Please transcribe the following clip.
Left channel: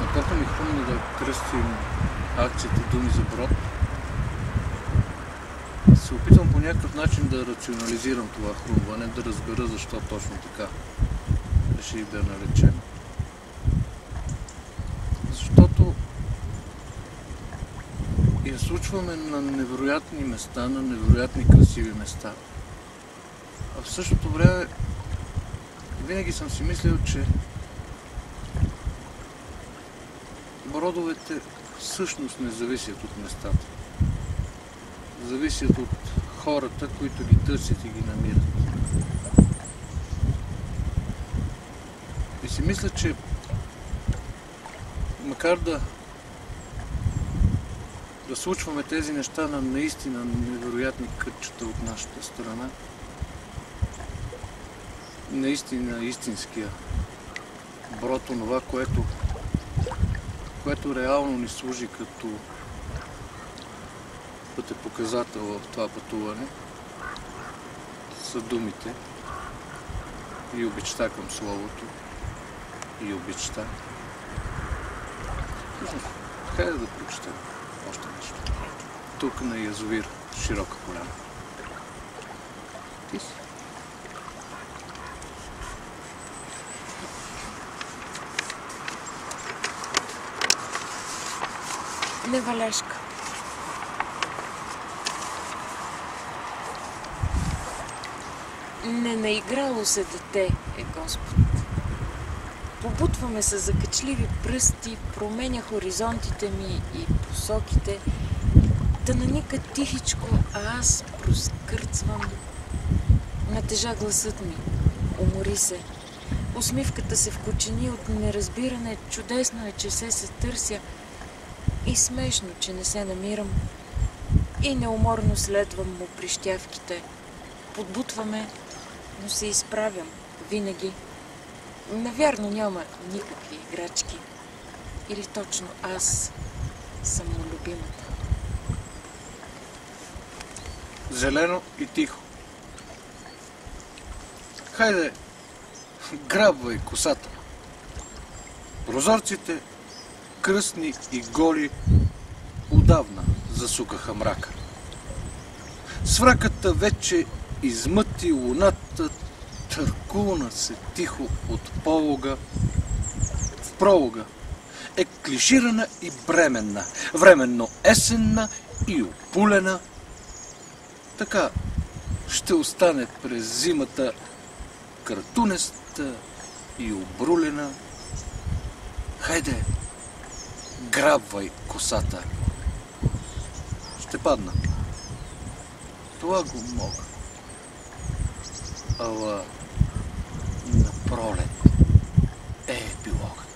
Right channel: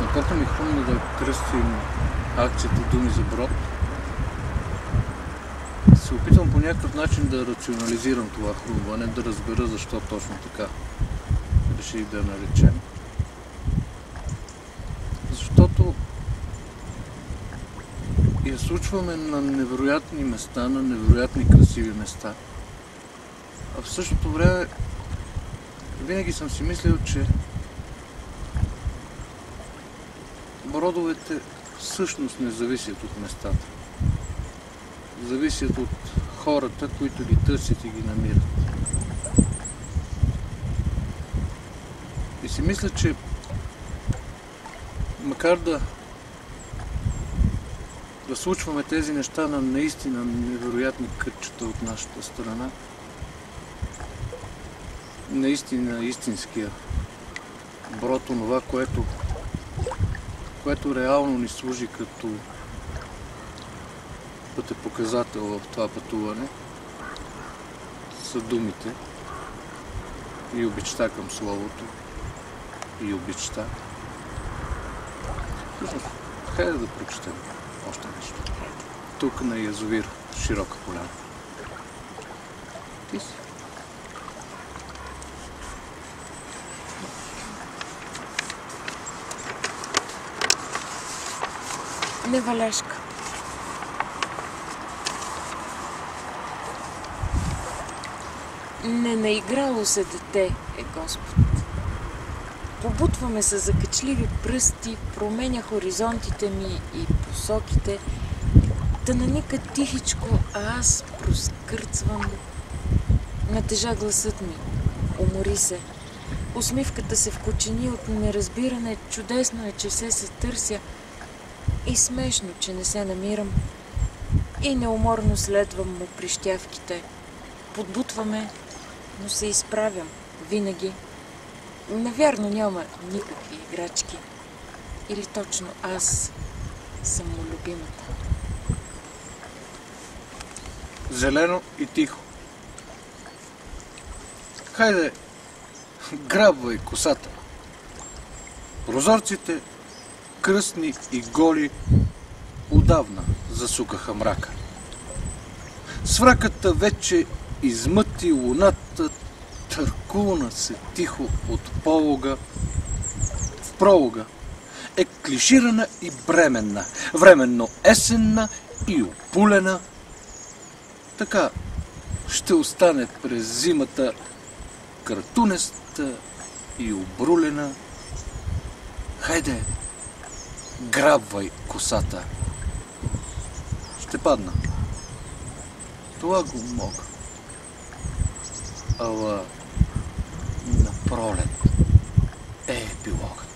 Напока ми хрумна да кръстим акцията Думи за Брод. Се опитвам по някакъв начин да рационализирам това хрумване, да разбера защо точно така реших да наречем. Защото я случваме на невероятни места, на невероятни красиви места. А в същото време винаги съм си мислил, че бродовете всъщност не зависят от местата. Зависят от хората, които ги търсят и ги намират. И си мисля, че макар да случваме тези неща на наистина невероятни кътчета от нашата страна, наистина истинския Брод, онова, което реално ни служи като пътепоказател в това пътуване, са думите и обичта към Словото и обичта. Всъщност, хайде да прочетем още нещо. Тук на язовир Широка поляна. Ти си. Неваляшка. Не наиграло се дете е Господ. Побутваме се за качливи пръсти, променя хоризонтите ми и посоките, да наника тихичко, а аз проскърцвам. Натежа гласът ми, умори се. Усмивката се вкочени от неразбиране, чудесно е, че се търся, и смешно, че не се намирам, и неуморно следвам му прищявките. Подбутваме, но се изправям винаги. Навярно няма никакви играчки. Или точно аз съм му любимата. Зелено и тихо. Хайде, грабвай косата. Прозорците, кръстни и голи, отдавна засукаха мрака. Свраката вече измъти луната, търкулна се тихо от полога. В пролога е клиширана и бременна, временно есенна и опулена. Така ще остане през зимата картунеста и обрулена. Хайде, грабвай косата. Ще падна. Това го мога. Ала на пролет е епилогът.